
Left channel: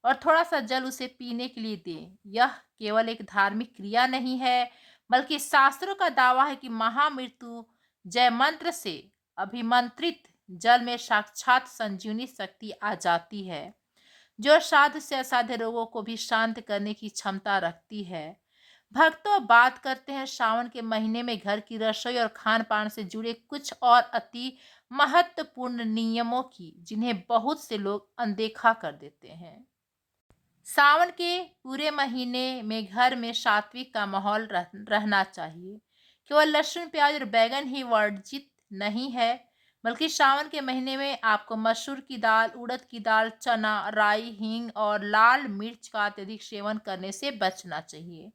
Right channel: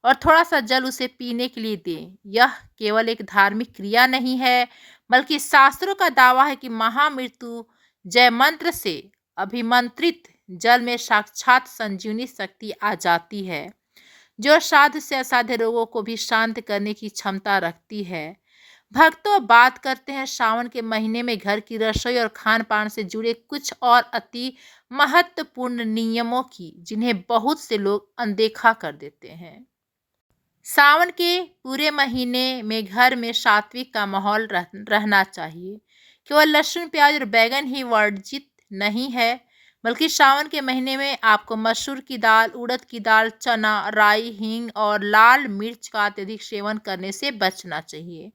और थोड़ा सा जल उसे पीने के लिए दें। यह केवल एक धार्मिक क्रिया नहीं है, बल्कि शास्त्रों का दावा है कि महामृत्युंजय मंत्र से अभिमंत्रित जल में साक्षात संजीवनी शक्ति आ जाती है, जो साध्य से असाध्य रोगों को भी शांत करने की क्षमता रखती है। भक्तों, बात करते हैं सावन के महीने में घर की रसोई और खान पान से जुड़े कुछ और अति महत्वपूर्ण नियमों की, जिन्हें बहुत से लोग अनदेखा कर देते हैं। सावन के पूरे महीने में घर में सात्विक का माहौल रहना चाहिए। केवल लहसुन, प्याज और बैगन ही वर्जित नहीं है, बल्कि सावन के महीने में आपको मसूर की दाल, उड़द की दाल, चना, राई, हींग और लाल मिर्च का अत्यधिक सेवन करने से बचना चाहिए।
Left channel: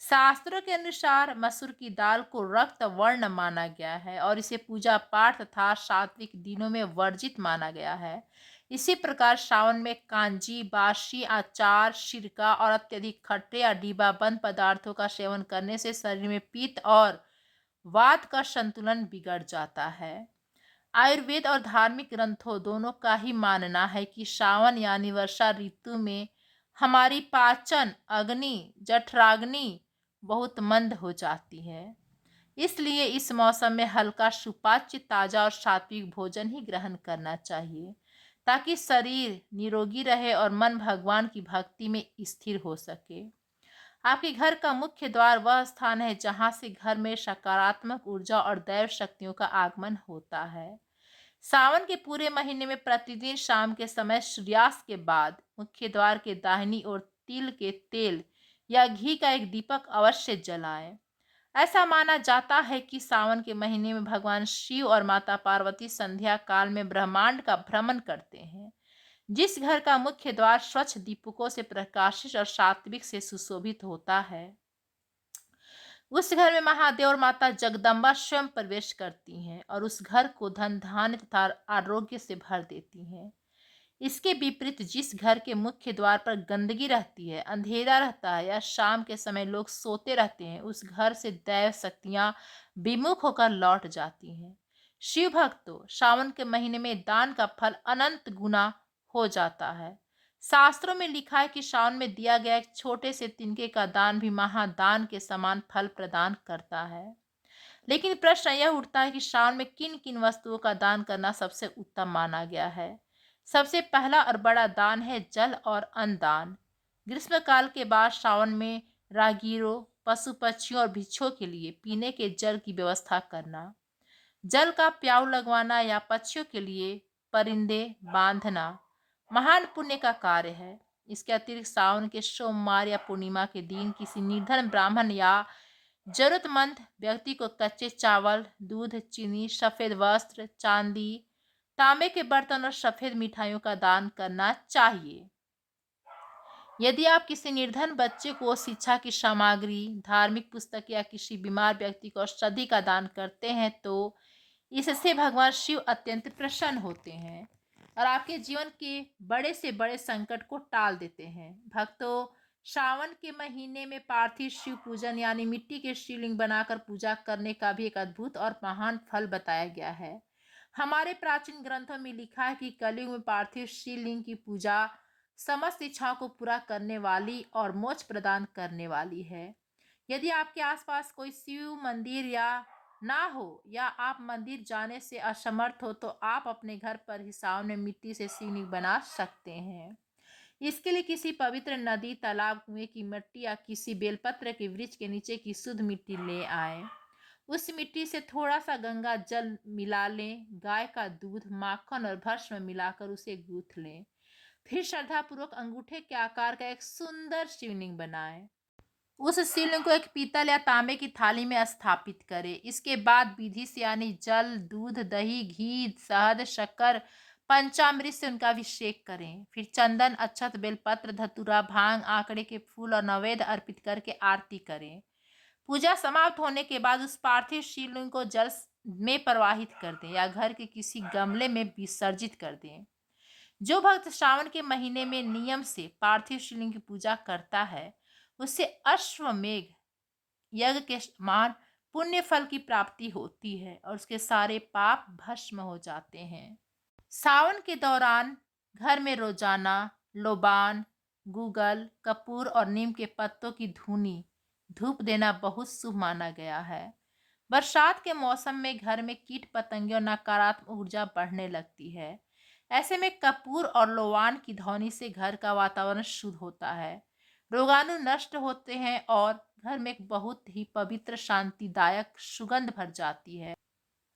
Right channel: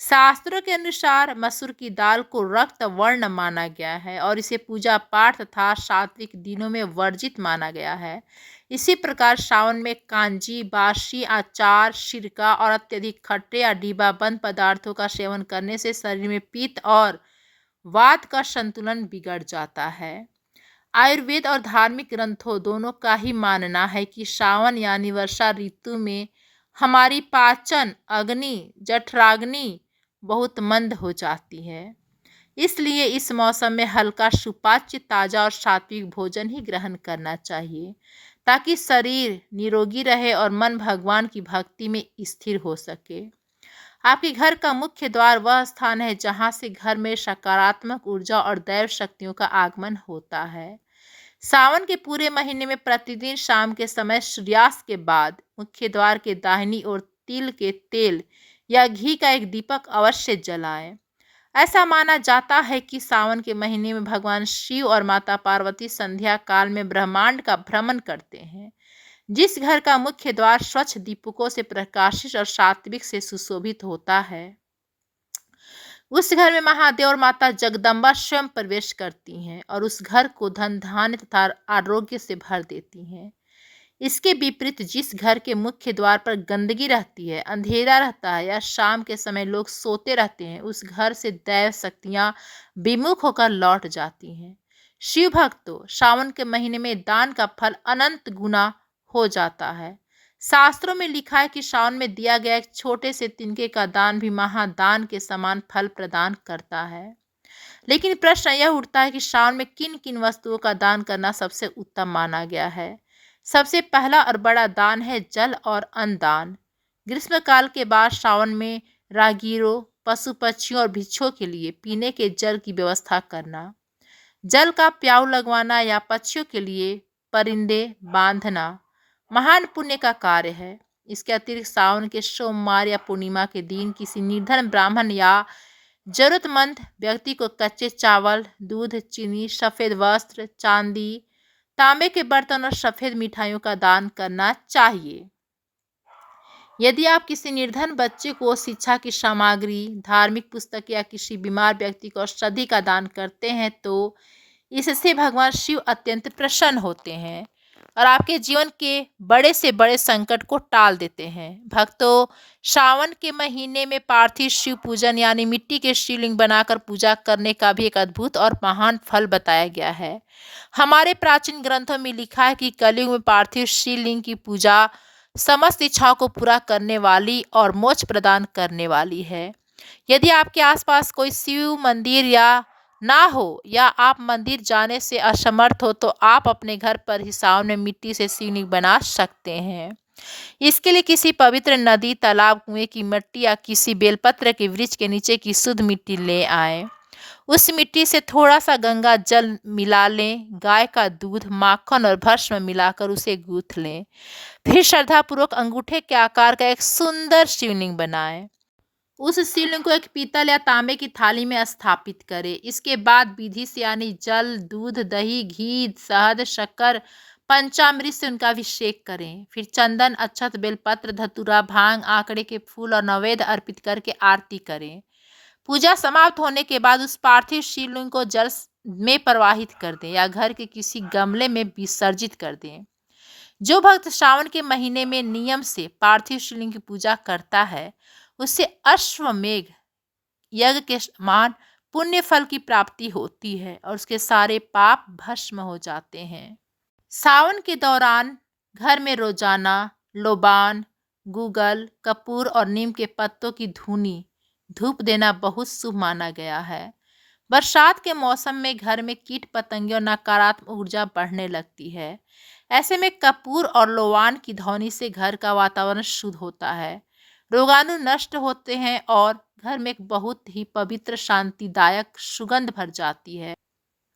शास्त्रों के अनुसार मसूर की दाल को रक्त वर्ण माना गया है और इसे पूजा पाठ तथा सात्विक दिनों में वर्जित माना गया है। इसी प्रकार सावन में कांजी, बासी, अचार, सिरका और अत्यधिक खट्टे या डिब्बाबंद पदार्थों का सेवन करने से शरीर में पित्त और वात का संतुलन बिगड़ जाता है। आयुर्वेद और धार्मिक ग्रंथों दोनों का ही मानना है कि सावन यानी वर्षा ऋतु में हमारी पाचन अग्नि, जठराग्नि बहुत मंद हो जाती है। इसलिए इस मौसम में हल्का सुपाच्य, ताजा और सात्विक भोजन ही ग्रहण करना चाहिए, ताकि शरीर निरोगी रहे और मन भगवान की भक्ति में स्थिर हो सके। आपके घर का मुख्य द्वार वह स्थान है जहाँ से घर में सकारात्मक ऊर्जा और दैव शक्तियों का आगमन होता है। सावन के पूरे महीने में प्रतिदिन शाम के समय सूर्यास्त के बाद मुख्य द्वार के दाहिनी ओर तिल के तेल या घी का एक दीपक अवश्य जलाएं। ऐसा माना जाता है कि सावन के महीने में भगवान शिव और माता पार्वती संध्या काल में ब्रह्मांड का भ्रमण करते हैं। जिस घर का मुख्य द्वार स्वच्छ दीपकों से प्रकाशित और सात्विक से सुशोभित होता है, उस घर में महादेव और माता जगदम्बा स्वयं प्रवेश करती हैं और उस घर को धन, धान्य तथा आरोग्य से भर देती हैं। इसके विपरीत जिस घर के मुख्य द्वार पर गंदगी रहती है, अंधेरा रहता है या शाम के समय लोग सोते रहते हैं, उस घर से दैव शक्तियां विमुख होकर लौट जाती हैं। शिव भक्तों, सावन के महीने में दान का फल अनंत गुना हो जाता है। शास्त्रों में लिखा है कि सावन में दिया गया एक छोटे से तिनके का दान भी महादान के समान फल प्रदान करता है। लेकिन प्रश्न यह उठता है कि सावन में किन किन वस्तुओं का दान करना सबसे उत्तम माना गया है। सबसे पहला और बड़ा दान है जल और अन्न दान। ग्रीष्मकाल के बाद सावन में राहगीरों, पशु पक्षियों और भिक्षुओं के लिए पीने के जल की व्यवस्था करना, जल का प्याऊ लगवाना या पक्षियों के लिए परिंदे बांधना महान पुण्य का कार्य है। इसके अतिरिक्त सावन के सोमवार या पूर्णिमा के दिन किसी निर्धन ब्राह्मण या जरूरतमंद व्यक्ति को कच्चे चावल, दूध, चीनी, सफ़ेद वस्त्र, चांदी, तांबे के बर्तन और सफ़ेद मिठाइयों का दान करना चाहिए। यदि आप किसी निर्धन बच्चे को शिक्षा की सामग्री, धार्मिक पुस्तक या किसी बीमार व्यक्ति को औषधि का दान करते हैं, तो इससे भगवान शिव अत्यंत प्रसन्न होते हैं और आपके जीवन के बड़े से बड़े संकट को टाल देते हैं। भक्तों, सावन के महीने में पार्थिव शिव पूजन यानी मिट्टी के शिवलिंग बनाकर पूजा करने का भी एक अद्भुत और महान फल बताया गया है। हमारे प्राचीन ग्रंथों में लिखा है कि कलयुग में पार्थिव शिवलिंग की पूजा समस्त इच्छाओं को पूरा करने वाली और मोक्ष प्रदान करने वाली है। यदि आपके आसपास कोई शिव मंदिर या ना हो या आप मंदिर जाने से असमर्थ हो तो आप अपने घर पर ही सावन में मिट्टी से शिवलिंग बना सकते हैं। इसके लिए किसी पवित्र नदी, तालाब, कुएं की मिट्टी या किसी बेलपत्र के वृक्ष के नीचे की शुद्ध मिट्टी ले आएं। उस मिट्टी से थोड़ा सा गंगा जल मिला लें, गाय का दूध, माखन और भस्म मिलाकर उसे गूंथ लें। फिर श्रद्धापूर्वक अंगूठे के आकार का एक सुंदर शिवलिंग बनाएं। उस शिवलिंग को एक पीतल या तांबे की थाली में स्थापित करें। इसके बाद विधि से यानी जल, दूध, दही, घी, शहद, शक्कर, पंचामृत से उनका अभिषेक करें। फिर चंदन, अक्षत, बेलपत्र, धतूरा, भांग, आंकड़े के फूल और नैवेद्य अर्पित करके आरती करें। पूजा समाप्त होने के बाद उस पार्थिव शिवलिंग को जल में प्रवाहित कर दें या घर के किसी गमले में विसर्जित कर दें। जो भक्त श्रावण के महीने में नियम से पार्थिव शिवलिंग की पूजा करता है उसे अश्वमेघ यज्ञ के समान पुण्य फल की प्राप्ति होती है और उसके सारे पाप भस्म हो जाते हैं। सावन के दौरान घर में रोजाना लोबान, गूगल, कपूर और नीम के पत्तों की धूनी धूप देना बहुत शुभ माना गया है। बरसात के मौसम में घर में कीट पतंगे और नकारात्मक ऊर्जा बढ़ने लगती है। ऐसे में कपूर और लोबान की ध्वनि से घर का वातावरण शुद्ध होता है, रोगाणु नष्ट होते हैं और घर में एक बहुत ही पवित्र, शांतिदायक सुगंध भर जाती है।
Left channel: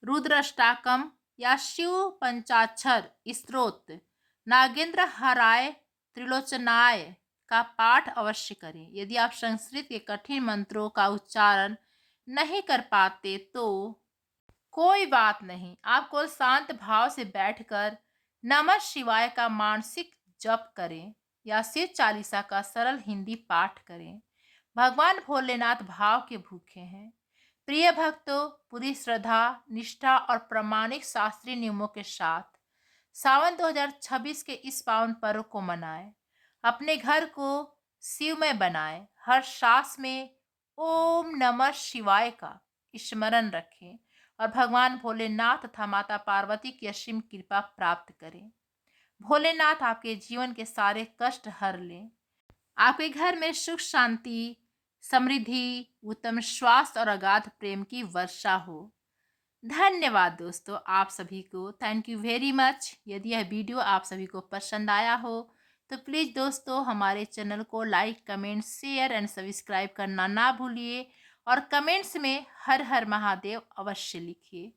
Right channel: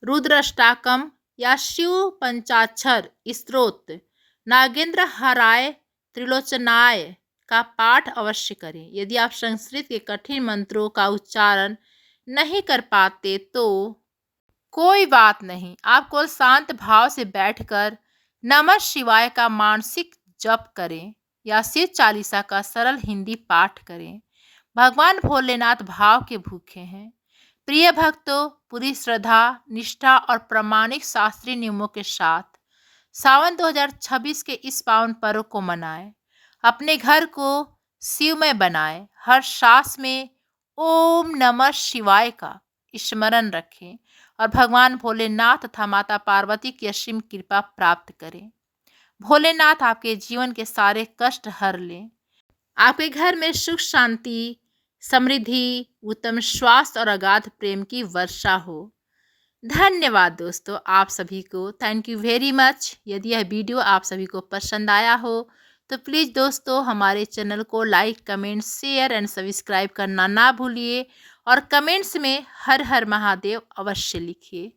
रुद्राष्टकम या शिव पंचाक्षर स्तोत्र, नागेंद्र हराय त्रिलोचनाय का पाठ अवश्य करें। यदि आप संस्कृत के कठिन मंत्रों का उच्चारण नहीं कर पाते तो कोई बात नहीं, आप को शांत भाव से बैठकर नमः शिवाय का मानसिक जप करें या शिव चालीसा का सरल हिंदी पाठ करें। भगवान भोलेनाथ भाव के भूखे हैं। प्रिय भक्तों, पूरी श्रद्धा, निष्ठा और प्रामाणिक शास्त्रीय नियमों के साथ सावन 2026 के इस पावन पर्व को मनाएं। अपने घर को शिवमय बनाएं। हर सांस में ओम नमः शिवाय का स्मरण रखें और भगवान भोलेनाथ तथा माता पार्वती की असीम कृपा प्राप्त करें। भोलेनाथ आपके जीवन के सारे कष्ट हर लें। आपके घर में सुख, शांति, समृद्धि, उत्तम स्वास्थ्य और अगाध प्रेम की वर्षा हो। धन्यवाद दोस्तों, आप सभी को थैंक यू वेरी मच। यदि यह वीडियो आप सभी को पसंद आया हो तो प्लीज़ दोस्तों हमारे चैनल को like, comment, share and subscribe करना ना भूलिए और कमेंट्स में हर हर महादेव अवश्य लिखिए।